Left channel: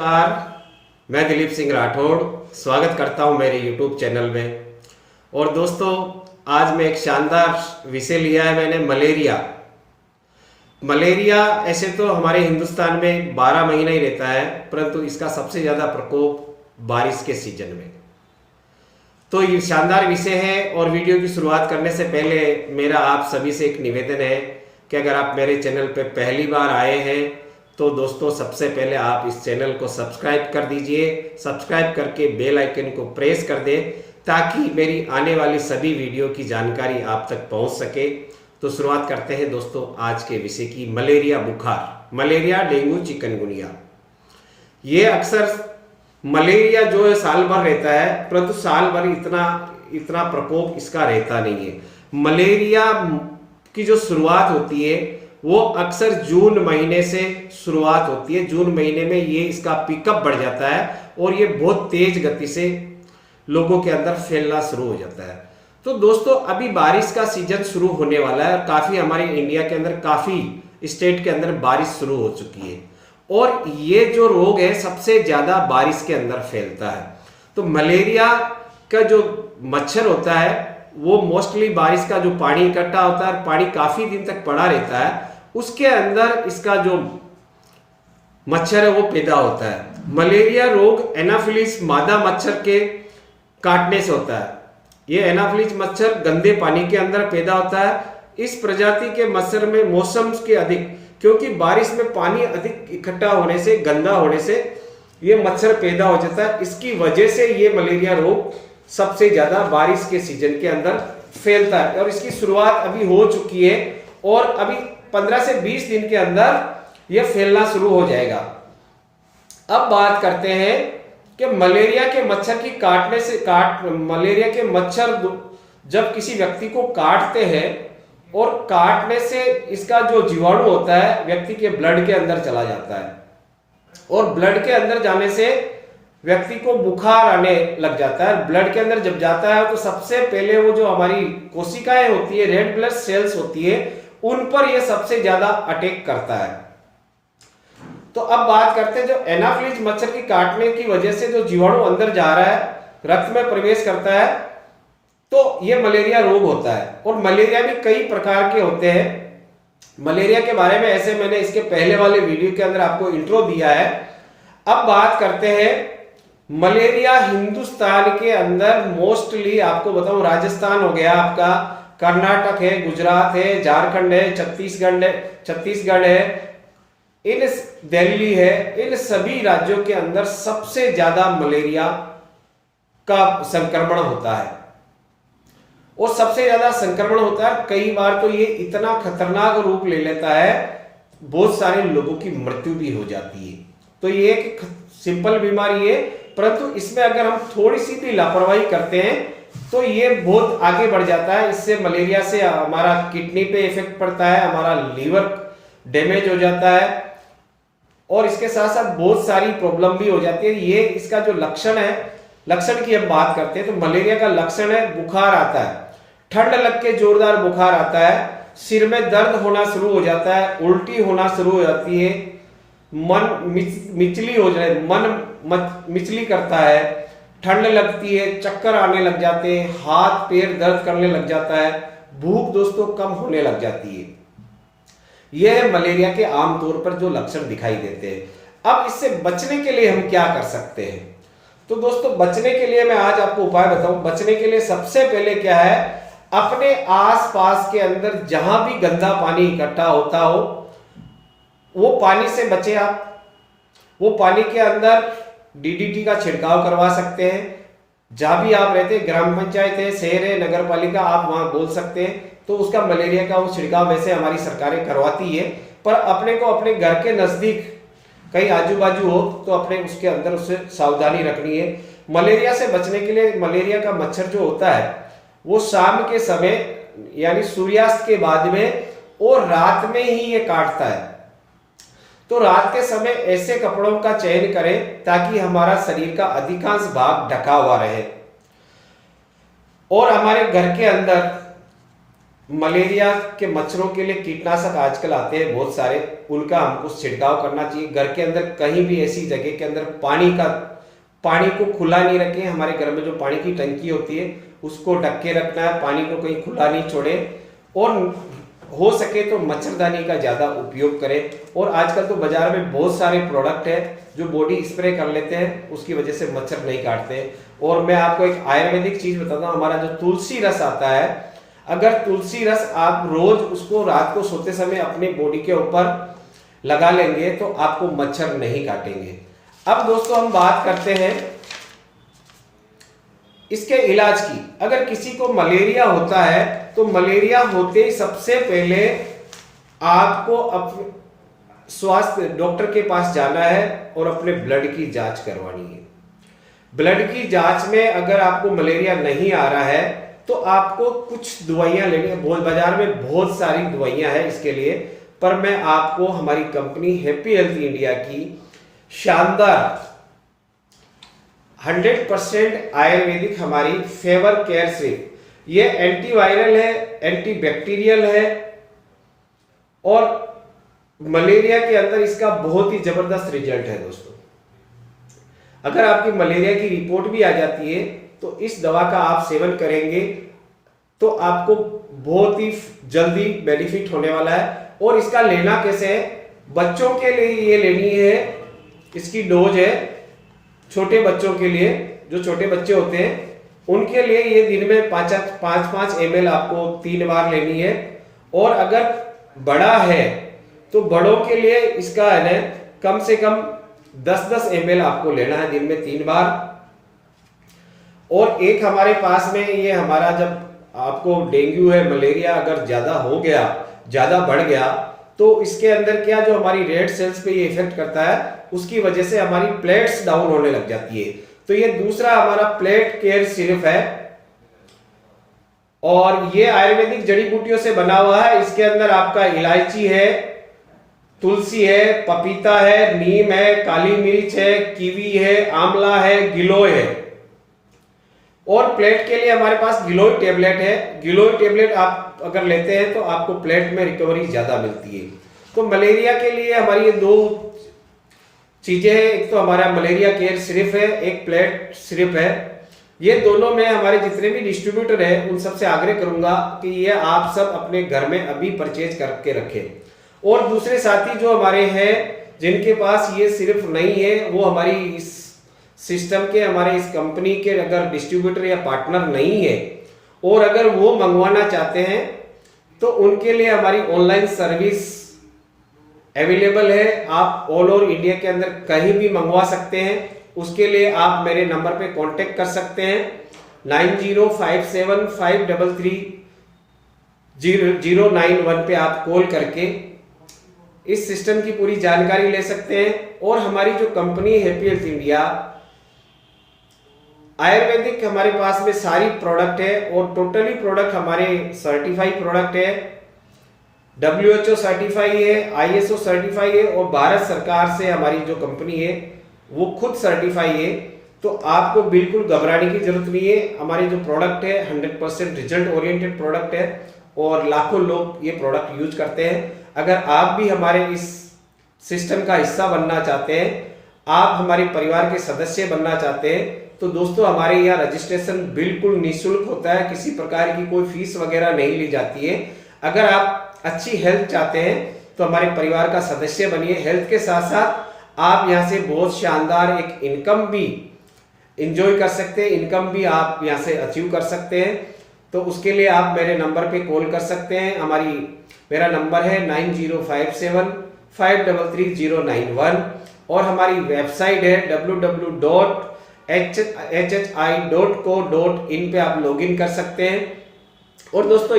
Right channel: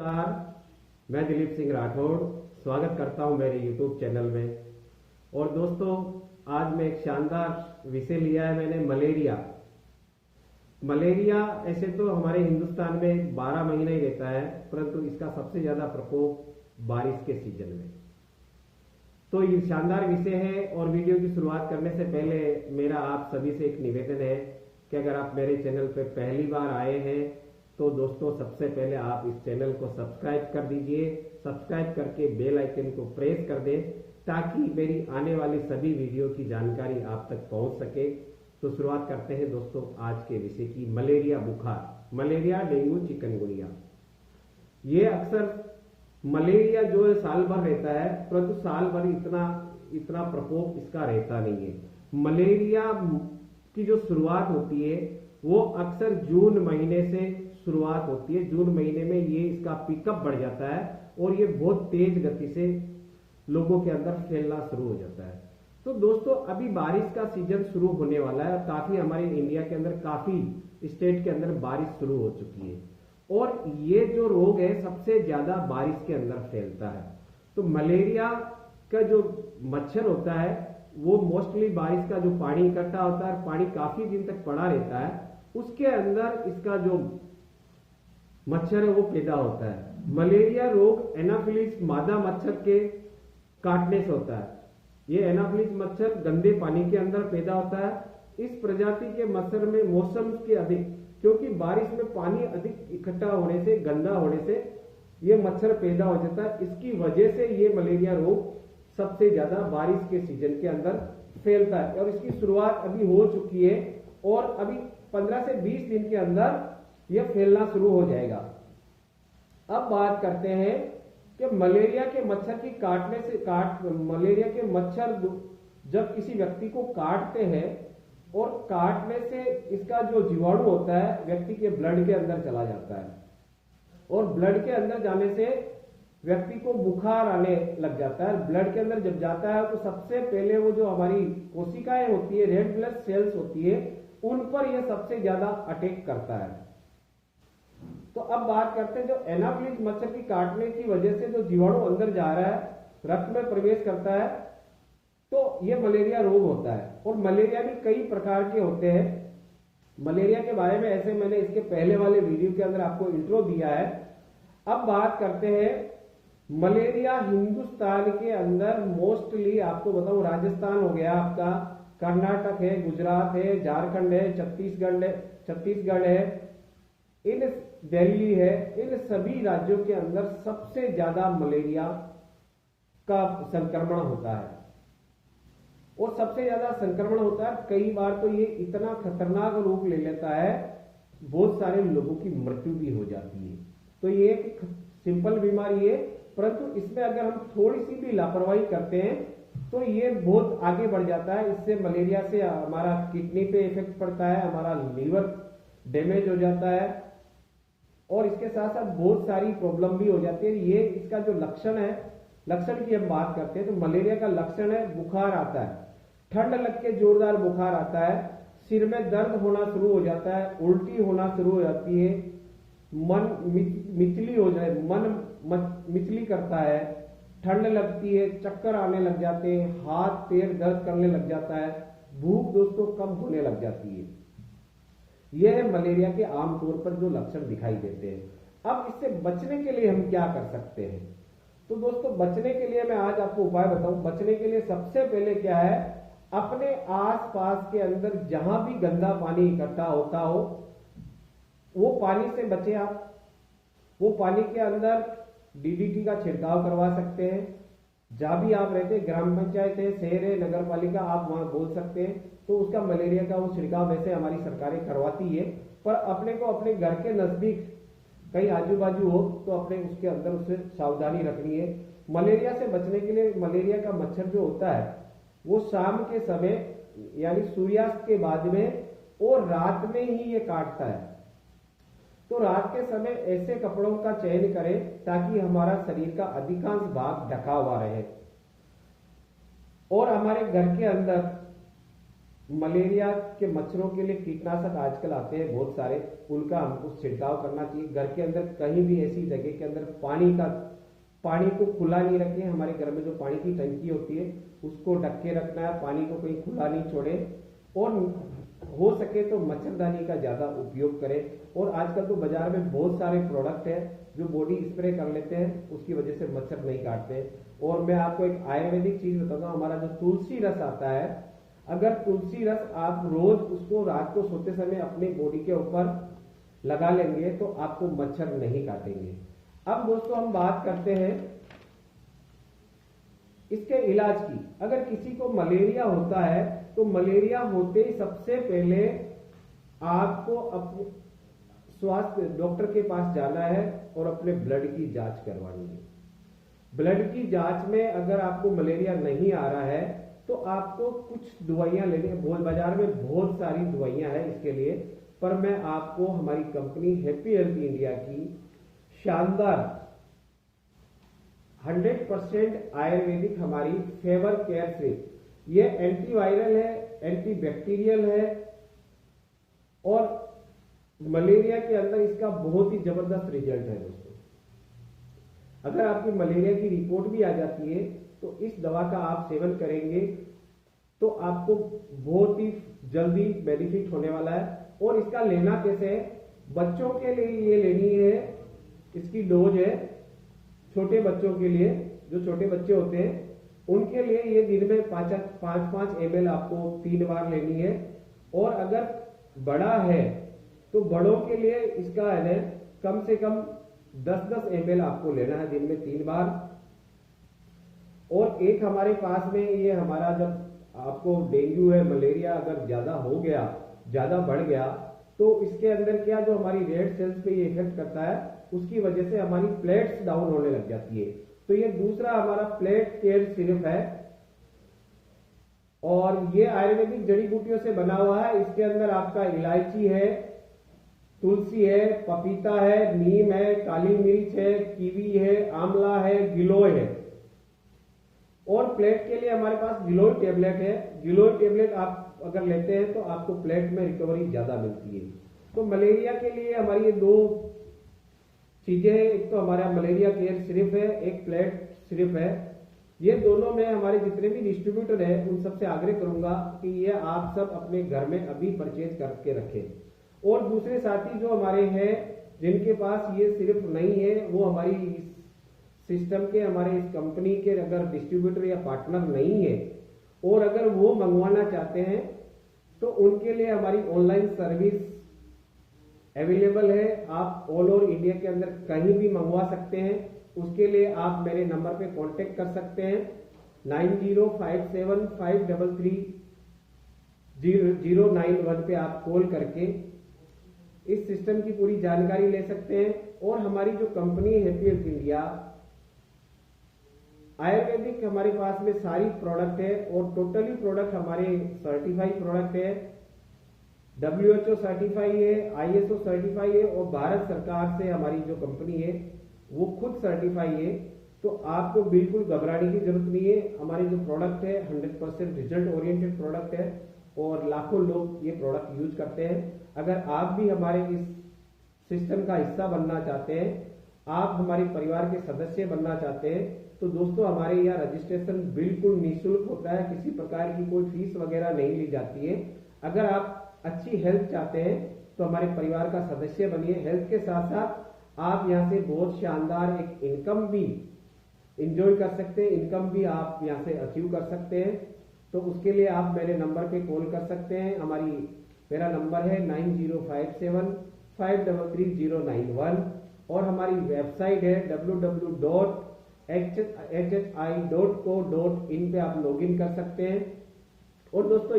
नमस्कार। मैं दिलीप सिंह राठौड़ स्वागत करता हूं मेरे YouTube चैनल में। और दोस्तों, आज मैं एक शानदार विषय लिया है मैंने, मलेरिया। मलेरिया ऐसे तो हमारे हिंदुस्तान में 12 महीना ही रहता है, परंतु इसका सबसे ज़्यादा प्रकोप बारिश के सीजन में। तो ये शानदार विषय है। और वीडियो की शुरुआत करने से पहले मेरा आप सभी से एक निवेदन है कि अगर आप मेरे चैनल पर पहली बार आए हैं तो दोस्तों, सबसे पहले आप इस चैनल को सब्सक्राइब कर दीजिए। सब्सक्राइब करके बेल आइकन को प्रेस कर दें ताकि मेरी आने वाली सभी वीडियो की जानकारी आप तक पहुंच सके। तो शुरुआत करते हैं दोस्तों आज के विषय की। मलेरिया बुखार, मलेरिया, डेंगू, चिकनगुनिया। ये अक्सर मलेरिया जो है साल भर रहता है, परंतु साल भर इतना प्रकोप इसका रहता नहीं है। मलेरिया की जो शुरुआत होती है वो अक्सर जून महीने से शुरुआत होती है। जून महीने में ये इसका पिकअप बढ़ जाता है और ये बहुत तेज गति से लोगों के अंदर फैलना शुरू हो जाता है। तो दोस्तों, अभी बारिश का सीजन शुरू होने वाला है और काफी हमारे इंडिया के अंदर काफी स्टेट के अंदर बारिश शुरू हो चुकी है। और ये जो रोग है सबसे ज्यादा बारिश के अंदर फैलता है। तो मलेरिया का जो मच्छर होता है वो मोस्टली बारिश का जो पानी इकट्ठा होता है, पानी काफी दिन तक पड़ा रहता है, उसके अंदर इसका जो मच्छर है वो पैदा होता है। मलेरिया रोग एनाफिलिस मादा मच्छर के काटने से होता है। ये एनाफिलिस मच्छर गंदे पानी के अंदर पैदा होता है। इस प्रजाति के मच्छर में मौसम के अधिक, क्योंकि बारिश में पानी अधिक इकट्ठा होने से, गंदा होने से ये मच्छर पैदा हो जाता है। इसकी वजह से ये मलेरिया रोग सबसे ज्यादा बारिश के सीजन के अंदर फैलता है। और इसकी शुरुआत अभी हो चुकी है और अभी 15 से 20 दिन के अंदर यह फैलना शुरू हो जाएगा। अब बात करते हैं कि मलेरिया के मच्छर की मलेरिया के मच्छर जब किसी व्यक्ति को काटते हैं और काटने से इसका जो जीवाणु होता है व्यक्ति के ब्लड के अंदर चला जाता है और ब्लड के अंदर जाने से व्यक्ति को बुखार आने लग जाता है। ब्लड के अंदर जब जाता है तो सबसे पहले वो जो हमारी कोशिकाएं होती है, रेड ब्लड सेल्स होती है, उन पर यह सबसे ज्यादा अटैक करता है। तो अब बात करते हैं, जो एनाफिलिस मच्छर की काटने की वजह से जो जीवाणु अंदर जा रहा है, रक्त में प्रवेश करता है, तो यह मलेरिया रोग होता है। और मलेरिया भी कई प्रकार के होते हैं। मलेरिया के बारे में ऐसे मैंने इसके पहले वाले वीडियो के अंदर आपको इंट्रो दिया है। अब बात करते हैं मलेरिया हिंदुस्तान के अंदर मोस्टली, आपको बताऊं, राजस्थान हो गया आपका, कर्नाटक है, गुजरात है, झारखंड है, छत्तीसगढ़ है, दिल्ली है, इन सभी राज्यों के अंदर सबसे ज्यादा मलेरिया का संक्रमण होता है। और सबसे ज्यादा संक्रमण होता है, कई बार तो ये इतना खतरनाक रूप ले लेता है, बहुत सारे लोगों की मृत्यु भी हो जाती है। तो ये एक सिंपल बीमारी है, परंतु इसमें अगर हम थोड़ी सी भी लापरवाही करते हैं तो ये बहुत आगे बढ़ जाता है। इससे मलेरिया से हमारा किडनी पे इफेक्ट पड़ता है, हमारा लीवर डैमेज हो जाता है और इसके साथ साथ बहुत सारी प्रॉब्लम भी हो जाती है। ये इसका जो लक्षण है, लक्षण की हम बात करते हैं तो मलेरिया का लक्षण है बुखार आता है, ठंड लग के जोरदार बुखार आता है, सिर में दर्द होना शुरू हो जाता है, उल्टी होना शुरू हो जाती है, मन मिचली करता है, ठंड लगती है, चक्कर आने लग जाते हैं, हाथ पैर दर्द करने लग जाता है, भूख दोस्तों कम होने लग जाती है। यह है मलेरिया के आमतौर पर जो लक्षण दिखाई देते हैं। अब इससे बचने के लिए हम क्या कर सकते हैं? तो दोस्तों, बचने के लिए मैं आज आपको उपाय बताऊं। बचने के लिए सबसे पहले क्या है, अपने आसपास के अंदर जहां भी गंदा पानी इकट्ठा होता हो वो पानी से बचे आप। वो पानी के अंदर डीडीटी का छिड़काव करवा सकते हैं। जहां भी आप रहते हैं, ग्राम पंचायत है, शहर है, नगर पालिका, आप वहां बोल सकते हैं तो उसका मलेरिया का वो छिड़काव वैसे हमारी सरकारें करवाती है। पर अपने को अपने घर के नजदीक कहीं आजू बाजू हो तो अपने उसके अंदर उससे सावधानी रखनी है। मलेरिया से बचने के लिए मलेरिया का मच्छर जो होता है वो शाम के समय यानी सूर्यास्त के बाद में और रात में ही ये काटता है। तो रात के समय ऐसे कपड़ों का चयन करें ताकि हमारा शरीर का अधिकांश भाग ढका हुआ रहे। और हमारे घर के अंदर मलेरिया के मच्छरों के लिए कीटनाशक आजकल आते हैं बहुत सारे, उनका हमको छिड़काव करना चाहिए। घर के अंदर कहीं भी ऐसी जगह के अंदर पानी को खुला नहीं रखें। हमारे घर में जो पानी की टंकी होती है उसको ढक के रखना है, पानी को कहीं खुला नहीं छोड़े, और हो सके तो मच्छरदानी का ज़्यादा उपयोग करें। और आजकल तो बाजार में बहुत सारे प्रोडक्ट है जो बॉडी स्प्रे कर लेते हैं, उसकी वजह से मच्छर नहीं काटते। और मैं आपको एक आयुर्वेदिक चीज़ बताता हूँ, हमारा जो तुलसी रस आता है, अगर तुलसी रस आप रोज उसको रात को सोते समय अपने बॉडी के ऊपर लगा लेंगे तो आपको मच्छर नहीं काटेंगे। अब दोस्तों हम बात करते हैं इसके इलाज की। अगर किसी को मलेरिया होता है तो मलेरिया होते ही सबसे पहले आपको अपने स्वास्थ्य डॉक्टर के पास जाना है और अपने ब्लड की जांच करवानी है। ब्लड की जांच में अगर आपको मलेरिया नहीं आ रहा है तो आपको कुछ दवाइयां लेनी है। बहुत बाजार में बहुत सारी दवाइयां हैं इसके लिए, पर मैं आपको हमारी कंपनी हैप्पी हेल्थ इंडिया की शानदार 100% आयुर्वेदिक हमारी फेवर केयर सिर्फ, ये एंटीवायरल है, एंटीबैक्टीरियल है, और मलेरिया के अंदर इसका बहुत ही जबरदस्त रिजल्ट है। दोस्तों अगर आपकी मलेरिया की रिपोर्ट भी आ जाती है तो इस दवा का आप सेवन करेंगे तो आपको बहुत ही जल्दी बेनिफिट होने वाला है। और इसका लेना कैसे है, बच्चों के लिए ये लेनी है, इसकी डोज है छोटे बच्चों के लिए, जो छोटे बच्चे होते हैं उनके लिए ये दिन में 5 ml आपको 3 बार लेनी है। और अगर बड़ा है तो बड़ों के लिए इसका है ना कम से कम 10 ml आपको लेना है दिन में 3 बार। और एक हमारे पास में ये हमारा, जब आपको डेंगू है, मलेरिया अगर ज्यादा हो गया, ज्यादा बढ़ गया, तो इसके अंदर क्या जो हमारी रेड सेल्स पे ये इफेक्ट करता है, उसकी वजह से हमारी प्लेट्स डाउन होने लग जाती है। तो ये दूसरा हमारा प्लेट केयर सिर्फ है, और ये आयुर्वेदिक जड़ी बूटियों से बना हुआ है। इसके अंदर आपका इलायची है, तुलसी है, पपीता है, नीम है, काली मिर्च है, कीवी है, आंवला है, गिलोय है। और प्लेट के लिए हमारे पास गिलोय टेबलेट है। गिलोय टेबलेट आप अगर लेते हैं तो आपको प्लेट में रिकवरी ज्यादा मिलती है। तो मलेरिया के लिए हमारी ये 2 चीजें हैं, एक तो हमारा मलेरिया केयर सिर्फ है, एक प्लेट सिर्फ है। ये दोनों में हमारे जितने भी डिस्ट्रीब्यूटर हैं उन सबसे आग्रह करूंगा कि ये आप सब अपने घर में अभी परचेज करके रखें। और दूसरे साथी जो हमारे हैं जिनके पास ये सिर्फ नहीं है, वो हमारी इस सिस्टम के, हमारे इस कंपनी के अगर डिस्ट्रीब्यूटर या पार्टनर नहीं है और अगर वो मंगवाना चाहते हैं तो उनके लिए हमारी ऑनलाइन सर्विस अवेलेबल है। आप ऑल ओवर इंडिया के अंदर कहीं भी मंगवा सकते हैं। उसके लिए आप मेरे नंबर पे कांटेक्ट कर सकते हैं 9057530091 पे आप कॉल करके इस सिस्टम की पूरी जानकारी ले सकते हैं। और हमारी जो company happy health India Ayurvedic, हमारे पास में सारी प्रोडक्ट है और टोटली प्रोडक्ट हमारे सर्टिफाइड प्रोडक्ट है, WHO सर्टिफाई है, ISO सर्टिफाई है, और भारत सरकार से हमारी जो कंपनी है वो खुद सर्टिफाई है। तो आपको बिल्कुल घबराने की जरूरत नहीं है। हमारे जो प्रोडक्ट है 100% रिजल्ट ओरिएंटेड प्रोडक्ट है और लाखों लोग ये प्रोडक्ट यूज करते हैं। अगर आप भी हमारे इस सिस्टम का हिस्सा बनना चाहते हैं, आप हमारे परिवार के सदस्य बनना चाहते हैं, तो दोस्तों हमारे यहाँ रजिस्ट्रेशन बिल्कुल निःशुल्क होता है, किसी प्रकार की कोई फीस वगैरह नहीं ली जाती है। अगर आप अच्छी हेल्थ चाहते हैं तो हमारे परिवार का सदस्य बनिए। हेल्थ के साथ साथ आप यहाँ से बहुत शानदार एक इनकम भी इंजॉय कर सकते हैं, इनकम भी आप यहाँ से अचीव कर सकते हैं। तो उसके लिए आप मेरे नंबर पे कॉल कर सकते हैं। मेरा नंबर है 9057533091 और हमारी वेबसाइट है www.hhi.co.in पे आप लॉगिन कर सकते हैं। और दोस्तों